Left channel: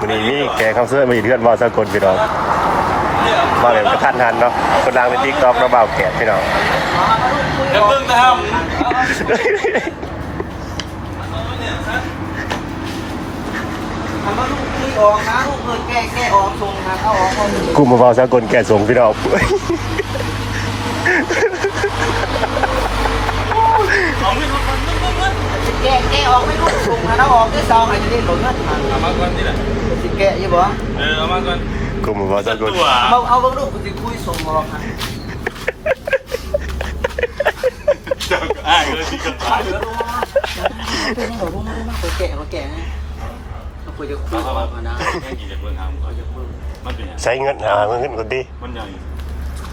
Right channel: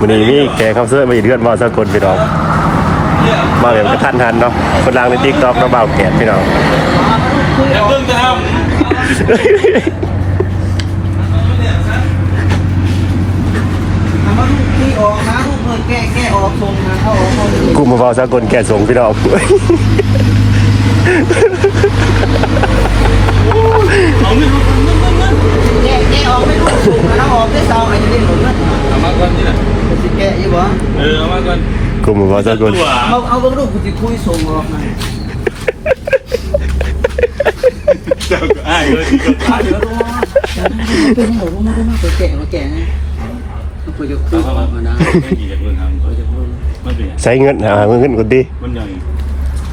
วันนี้มีแขกคำเสื้อมาอีกเดือนบ่าวสกลพี่น้องบ่าวแบบกระทันหันเนาะคนดังในติ๊กต็อกเนาะบ่าวแกดพี่น้องอย่าเพิ่งจะททำว่าลูกคุยออกนะลูกเพิ่นแก้แก้ออกทรงนะเขาออกเขาจะ แกส่งพี่น้องแก้แก้ออกไม่รู้ทรงนะออกได้ซองไอ้จะได้หมดเรื่องำเอามาก่อนนี่น่ะสิแก้ยี่บ่เออเอามาก่อนกลุ่มบ่าวสกลตัวเอาเอาเบิ่งลูกกูสิคุยทรงออกนะเจ้าก็อ้ายเลยที่ก็ตายเดี๋ยวรู้ว่าเป็นหัวรู้มาได้มากแก่มาแก่นะกูจะคุยออกมาได้ไม่ดีจะเพิ่งทำกูจะคุยไม่เป็นไรใช้เงินหาเงินคนดีมันใหญ่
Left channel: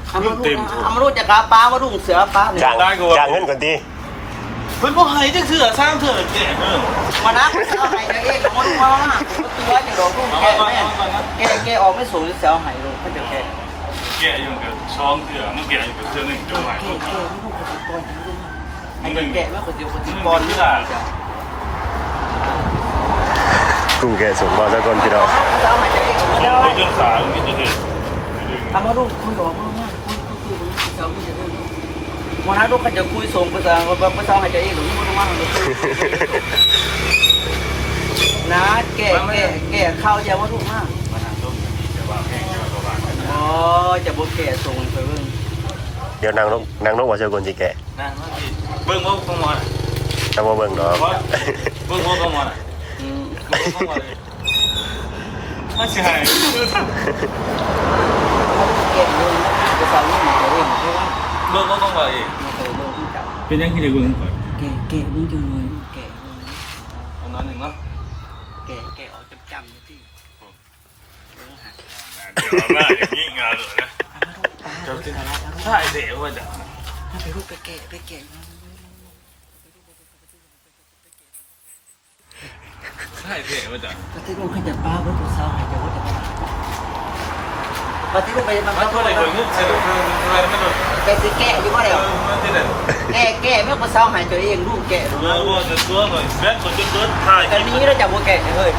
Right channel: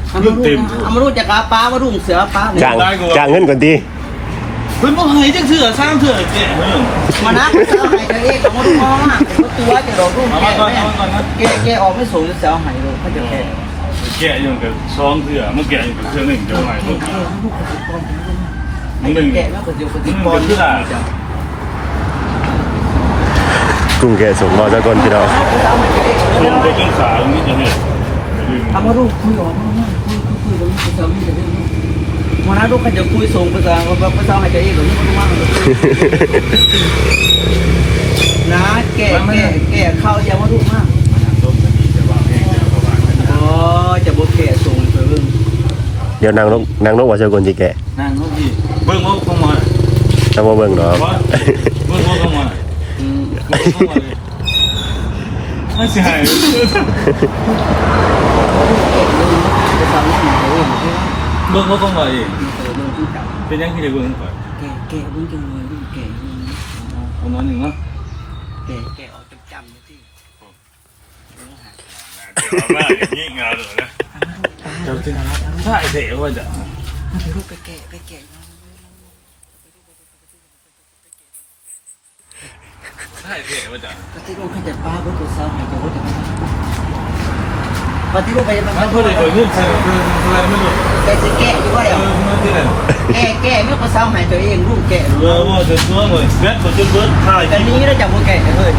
เอามารู้เอามารู้จากกาป้ามารุ่งเสือป้าจ้างจ้างเงินคนดี เฮ้ยพวกเฮ้ยจังเถื่อสร้างเถื่อแก่เฮ้ยมานะกูจะเอาไห้จะเอ๊ะมาดูมาว่าตัวจะดอกรุ่งเอาแก่มาก่อนเอามาก่อนนะแก่แก่ออกไม่สูงจะเอาไห้ดูเขาจะแก่แก่อยู่กับซองเถื่อเมื่อแก่อยู่กับเถื่อหนึ่งเดี๋ยวใหม่พวกมันหนึ่งแก่มากกว่าเดียวคนที่ก่อกับนที่ได้กลุ่มแกส่งบ่าวสกลพี่น้องชมไปจนขาตรงนี้จะเห็นอย่ามทำมาลูกคุยออกมาว่าคุยคุยคุยกับลูกภาษาคุยกับลูกมานะลูกเขาจะคุยส่งภาษาภาษาหายใจอีกหรือนี่มันว่ามันนะแก่แก่แก่เข้าอย่าว่าลูกมากมานั่งต้มกันดีจะว่าให้เจ้าประมาณนั้นอ๋อจะบอกแก่ส่งเธอเดี๋ยวนางนกนางนกบ่าวสกลสิแกนั่งรถดีเบิ้งโมกเข้ามาถ้าบ่เบิ่งเนาะเบิ้งโมกเข้ามาอืมเบิ้งเข้ามาเลยน่าเสียหาย เบิ้งเขาเข้ามาอีกเป็นยังที่ได้เบิ้งก่อนแก่แก่บุ้งจังเลยลูกแก่เอาน้อยหนึ่งเนาะแก่แก่ออกจำจำที่ยิ่งเอาเลยนะถ้าไอเด็กว่าจะไปลูกไปแก่ไปแก่ถ้าไอเด็กว่าจะปฏิรูปขยันป้าเบิ้งภาษาหายใจว่าจะ ปฏิรูปไปมามันเพื่อได้เปิดเงินใช่เพื่อเพื่อไม่รู้แกจะแก่อยู่ว่าเออมันที่นั่นแกแกเมื่อภาษาหายใจเองลูกแก่เออว่าจะตัวเลยแบทมันจนเบิร์ดถ่ายแต่นี้ได้จากว่าแก่เลย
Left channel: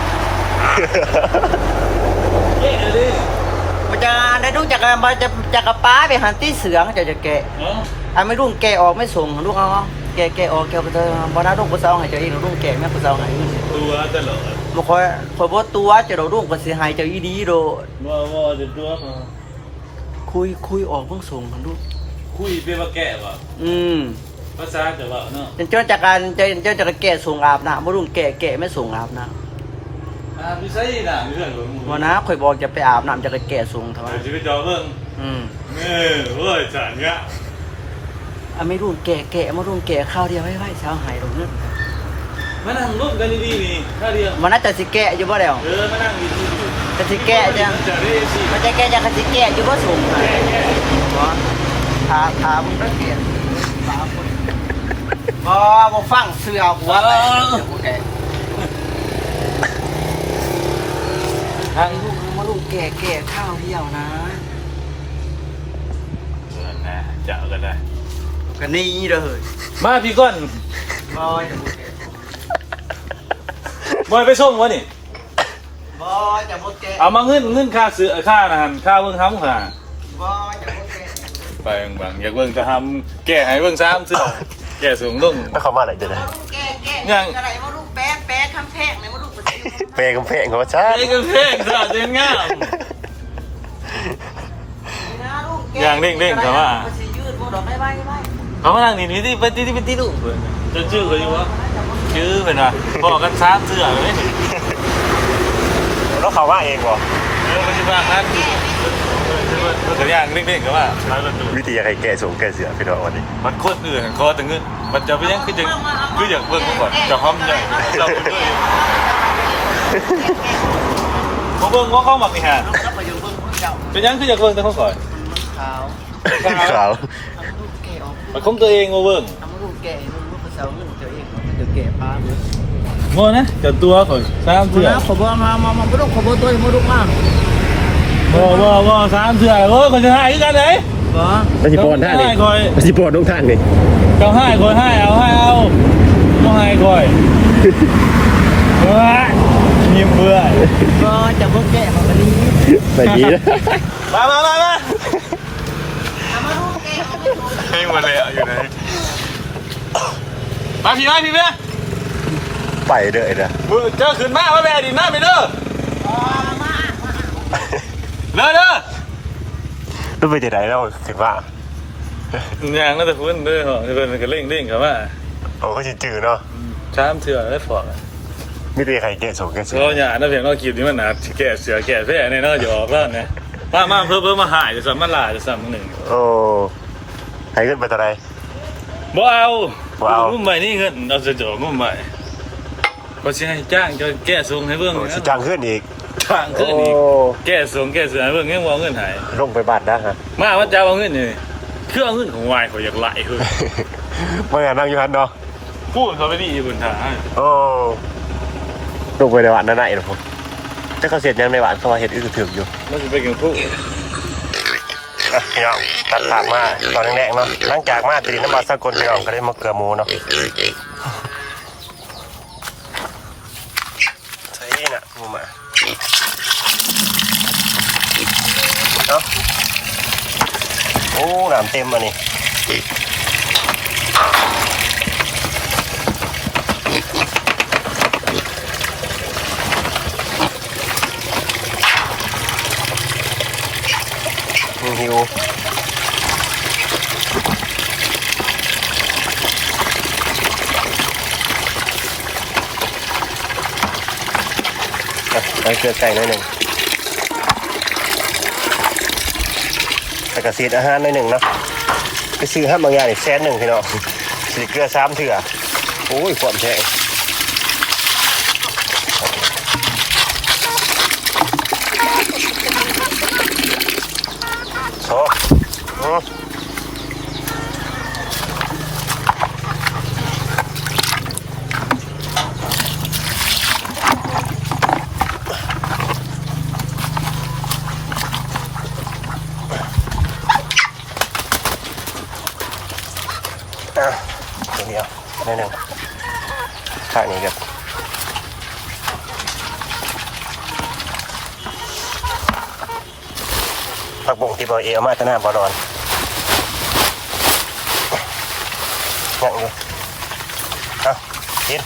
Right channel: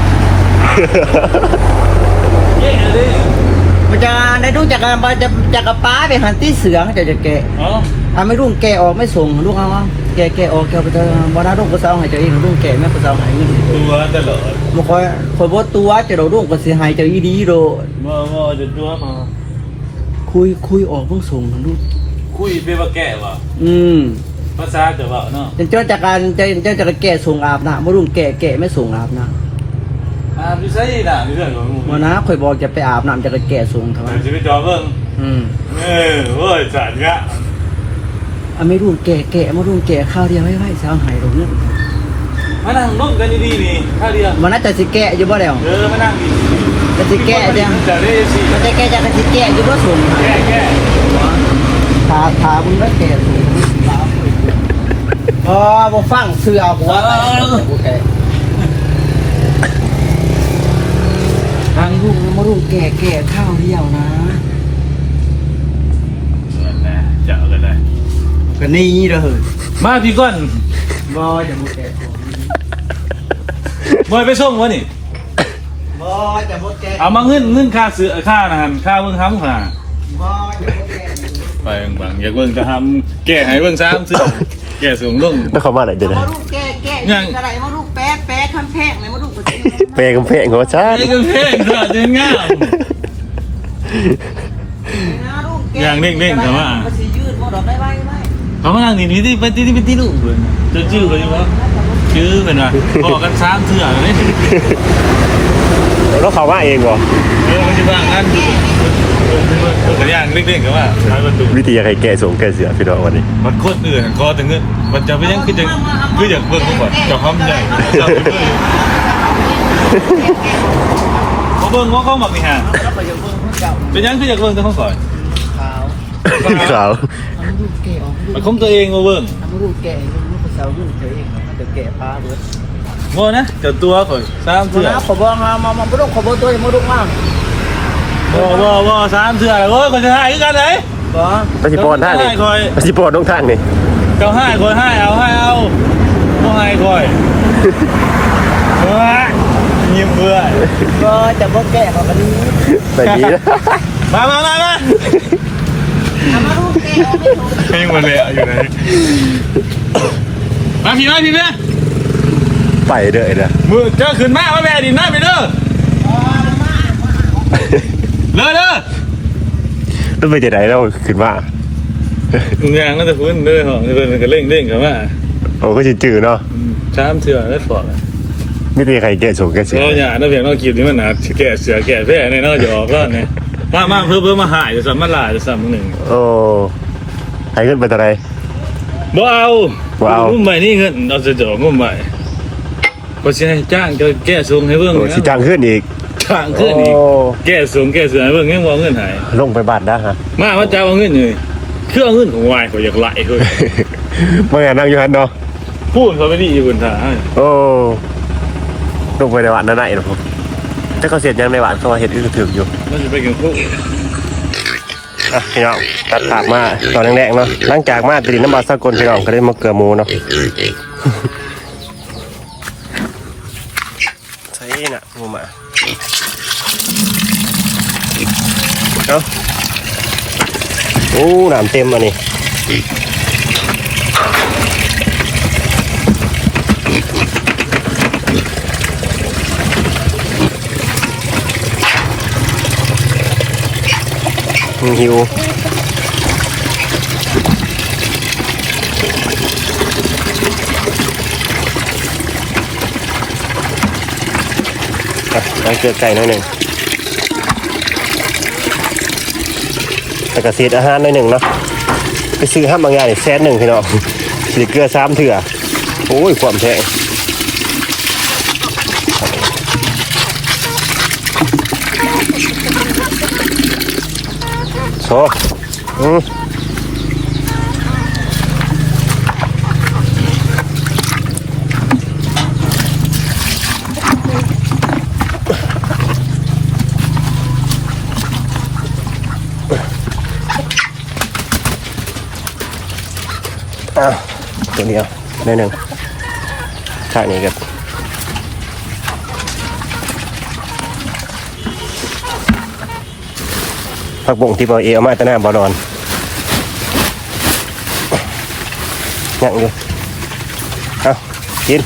มันจะได้ดูจากการจะจากระป้าไปหันที่เสือจะจะแก่อ๋ออะไม่รุ่งแกออกไม่ส่งลูกเอาแกแกออกแกไปเถอะวันนั้นลูกภาษาหายใจเองลูกแก่ไม่ภาษาหายตัวแต่ก็บ่ค่อยพอบตัวจะโดลูกภาษาหายใจดีโดว่าว่าจะตัวมา คุยคุยออกเพิ่งส่งลูกคุยเป็นว่าแก่ว่ะอืมภาษาเกิดว่าเนาะเจ้าจากการเจ้าเจ้าจากแก่ส่งอาบน้ำบ่รุ่งแก่แก่ไม่ส่งอาบน้อ่าไม่ใช่น่ะเรื่องของำวันนั้นข่อยบอกจะไปอาบน้ำจากแก่ส่งเท่านั้นจะไปจอเบิ่งอืมเออเฮ้ยจัดเงี้ยอะไม่รุ่งแก่แก่มารุ่งแก่ข้าวเดียวไม่ไม่สาวหายตรงนี้มานั่งลูกกันนี่นี่ถ้าเดียววันนั้นจะสิแก่อยู่บ่แล้วเออมานั่ง จะสิแก่จะจะได้สิมันจะแก่จะสิแก่อยู่บ่ส่งถาถาบุญรักแก่ส่งอ๋อบ่ฟังเสือหัวไปบ่แก่ทางลูกมารุ่งแก่แก่ข้าวเดียวนะจะเอากันได้ก็นี่เลยมาพี่ก้อนบ่จะบ่แก่บอยไปส่งวะนี่ บ่จะบ่แก่เอามาเงินเงินค่าซื้อค่านะค่าเงินทำค่ะบ่จะบ่แก่ไปบางอยากเบิ่งจะทำแก่ไหนเบิ่งซ้ำซื้อแก่สูงลุ่งแล้วเขามาไหนเดี๋ยวนะมาลูกแก่แก่อะไรมาลูกแป๊ะแป๊ะคำแพงเลยมาลูกก็สิเปย์กำแพงเขาว่าชาตินี่ก็เท่ค่ะจะง่ายอย่างนิ่งๆแต่ว่ามันสิยืดบ่ดอกไปไว้ไว้เอามาหนีนี่ที่ไปที่ไปที่ลูกเบิ่งจะชื่ออะไรวะชื่อเป็นว่าพอกันซ้ำเถื่อเลย แล้วเขาว่าเองเหรอเรื่องมันจะบ้างนั่นอย่างเด็กๆก็ว่าวิธีอะไรแกส่งแกเสือพี่น้องวันนี้ มันโคตรเหนื่อยคอถึงเงี้ยมันจะไม่ยังคือจะคืออยากเบิ่งก่อนจะพร้อมใหญ่เขาเบิ่งว่าเขาหมักนี่ฮะแล้วไปยังเบิ่งเพิ่นเจ้าเป็นยังคืออยากเบิ่งแต่เขาก่อนขาวขาวทำลูกแก่ออกลูกมันคงตัวเองมาเบิ่งทำลูกแก่มันก็เซาลูกเดี๋ยวเองมันจะแก่พาเบิด ว่านะเจ้าตัวก่อนสามตัเถื่อนะขอบ่มามามาบ่ต้องขอบ่ตัวมาลูกมากบ่บ่บ่สามเถื่อโอ้ยคนจะให้กันไหนบ่ปฏิปอนท่างนี่ปฏิปอนต้องท่างนี่เจ้าให้คนให้เอาให้เอาต้องให้คอยเฮ้ยยิ้มเพื่อก็จะบ่แก้ของวันนี้ไปดีนะมามามามาให้มันเลยอยู่ไหนมาพี่น้อยพี่เพื่อน ไปเด้อนะมือเจอขึ้นมาว่าแม่ดินหน้าไปเด้อเด้อเด้อต้องไปจะไหนเราขึ้นมางานก็จะพื้นเด้อหน่อยเพื่อนก็เร่งเร่งกันว่าโอ้ก็จะจืดเนาะสามเที่ยวแล้วฟอกไม่มีใครเจอสูงแค่สิเราอย่านะเพียงเรากินนี่มันหนาแก่เสือแก่แพ้เนี่ยน่าจะออกแล้วเนี่ยมามาเพิ่มเพิ่มมาหายจะสั่มาลายจะสั่หนึ่งโอ้ใครขึ้นไปตะไรบ่เอาบ่เอางุ่มใหม่นี่เงินเอาจะจ่องุ่มใหม่ ก็ใช่จ้างจะแก้ทรงให้เบิ่งโอ้ชิจังขึ้นอีกจ้างขึ้นอีกแก้ทรงแก้เสือให้เบิ่งเงี้ยมองเงินหายลงไปบ้านนะฮะ มาว่าเจ้าเอาเงินนี่คือเอาเงินของวายเขาอยากไหลเฮ้ยเมื่อไงนั่งอยู่ฮันเนาะพูดเขาไม่ดีบนทางโอ้ลงไปในบ้านนั่นไหนหรอผมถ้าเขาเสร็จยังในบ้านเขาเห็นคือถืออยู่มันจะไปกินคู่อะพี่น้องตัดผักมาตอนแรกๆเนาะหลังจากมาตรีน้ำบาสากลพี่น้องก็ได้มาเกลือหมูเนาะ ใช่น่ะหมูมา เนาะโอ้น้ำเต็มอันนี้หิวเกลือไก่หน่อยหนึ่ง แต่กระเศษอาหารหน่อยหนึ่งเนาะไปซื้อห้ามบางอย่างนี่แสนหนึ่งพี่น้องสีเกลือสามเถื่อโอ้ยความแท้โชอืมอะตัว นี้เอาหนึ่งฉากนี้ครับผักบ่งที่บอเอเอามาแตะหน้าบอดอนยังอยู่เอากิน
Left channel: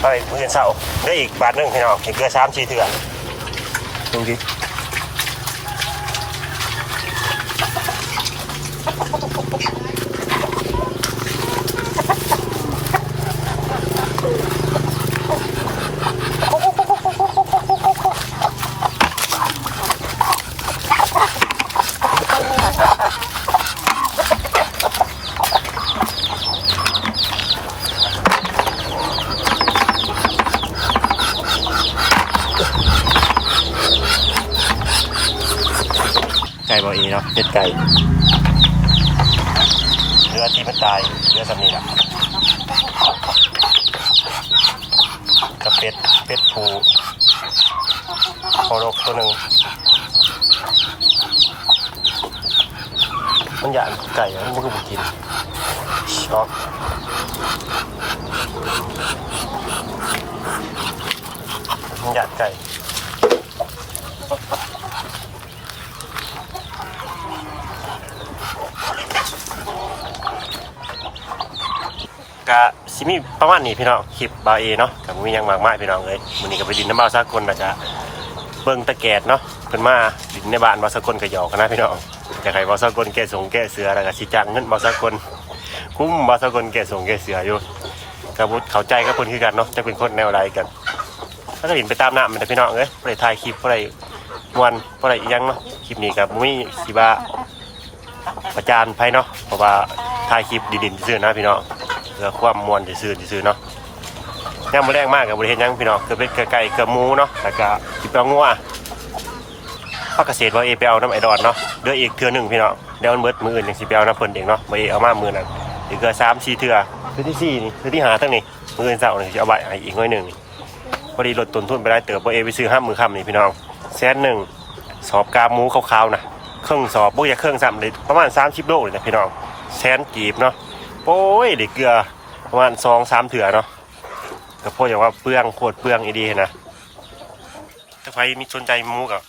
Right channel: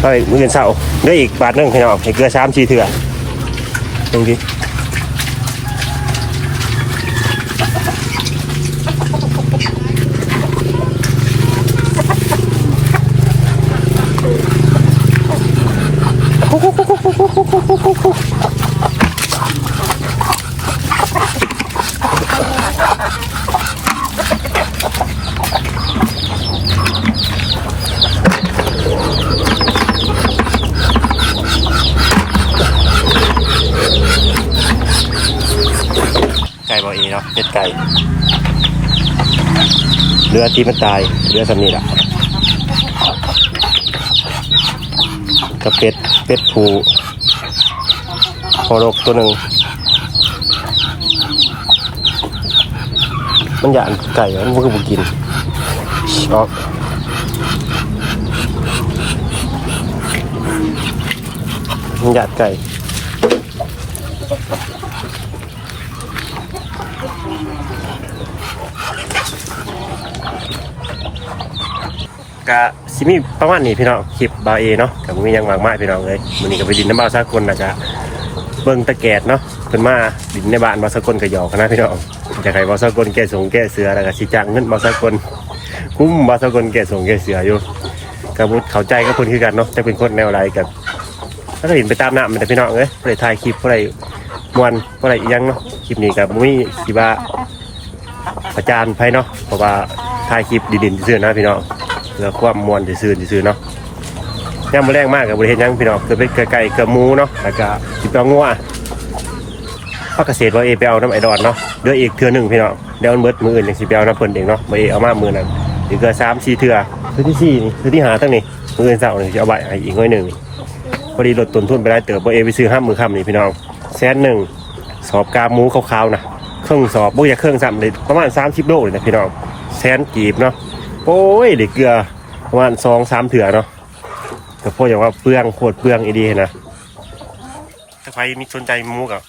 ไปมือเงินเสาได้อีกบาทนึงพี่น้องเกลือสามชีเถื่อตรงนี้ ไก่บอเนาะเป็ดไก่เรือที่มันตายเรือสำนีแหละกับเป็ดเป็ดผูโคโรกตัวหนึ่งมันหยานไก่มันก็บุกินช็อกมันหยาดไก่ กะสิมีประมาณนี้พี่น้องคลิปบาวเอเนาะกับมียังมากมาพี่น้องเลยมื้อนี้ก็ไปดินน้ำบาวสากลนะกะเบิ่งตะแกดเนาะเพิ่นมาดินในบ้านบาวสากลก็หยอกนะพี่น้องจะให้บาวสากลแก้สงแก้เสือแล้วก็สิจ้างเงินบาวสากลคุ้มบาวสากลแก้สงแก้เสืออยู่กะบุเข้าใจกับคนคือกันเนาะจะเป็นคนแนวไรกับถ้าก็ดินไปตามน้ำมันแต่พี่น้องเอ้ยบ่ได้ถ่ายคลิปบ่ได้มวนบ่ได้อีหยังเนาะคลิปนี้ก็บ่มีสิว่าประจานไผเนาะเพราะว่าถ่ายคลิปดินๆซื่อนะพี่น้อง เพื่อความมวลที่ซื้อที่ซื้อเนาะย่างมาแรงมากกับบริเวณยังพี่น้องเคือเป็นไก่เกือหมูเนาะแล้วก็ติดตัวงัวพักเกษตรว่าเอไปเอาน้ำไอดอนเนาะเดืออีกเทือหนึ่งพี่น้องเดี๋ยวมันเบิดมืออื่นยังสิไปเอาน้ำเพิ่นเองเนาะมาเอเอามามือนั้นอีกเกือบสามสี่เทือเทือที่สี่เทือที่หาตั้งนี่มืออื่นเสาร์นี่จะเอาใบอีกไว้หนึ่งพอดีลดต้นทุนไปได้เติบว่าเอไปซื้อห้ามือคำนี่พี่น้องแสนหนึ่งสอบกาหมูขาวๆนะเครื่องสอบบุกอยากเครื่องซ้ำเลยประมาณสามสิบโลเลยนะพี่น้องแสนกีบเนาะ โอ้ยเด็กเกลือประมาณสองสามเถื่อเนาะก็พวกอย่างว่าเปลืองโคตรเปลืองอีดีนะถ้าใครมีสนใจมูกับ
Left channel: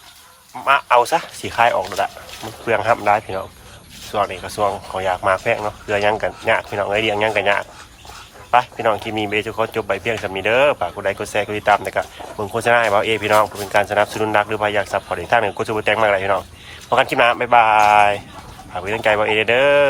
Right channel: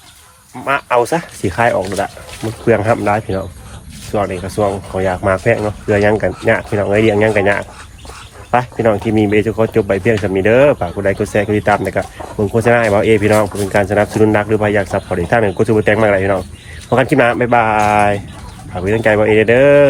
มาเอาซะสีคายออกดูละมันเปลืองห้ามได้พี่น้องส่วนนี้กระทรวงเขาอยากมาแพงเนาะเรือยังกันยากพี่น้องเอ้ยเรียงยังกันยากไปพี่น้องที่มีเบสก็จบไปเพียงสำนีเด้อฝากกดไลค์กดแชร์กดติดตามนะครับมึงโฆษณาให้เบาเอพี่น้องเพื่อเป็นการสนับสนุนนักหรือพยายากซับพอร์ตอีกท่านหนึ่งกดชูบแตงมากเลยพี่น้องพบกันคลิปหน้าบ๊ายบายฝากไว้ตั้งใจเบาเอเด้อ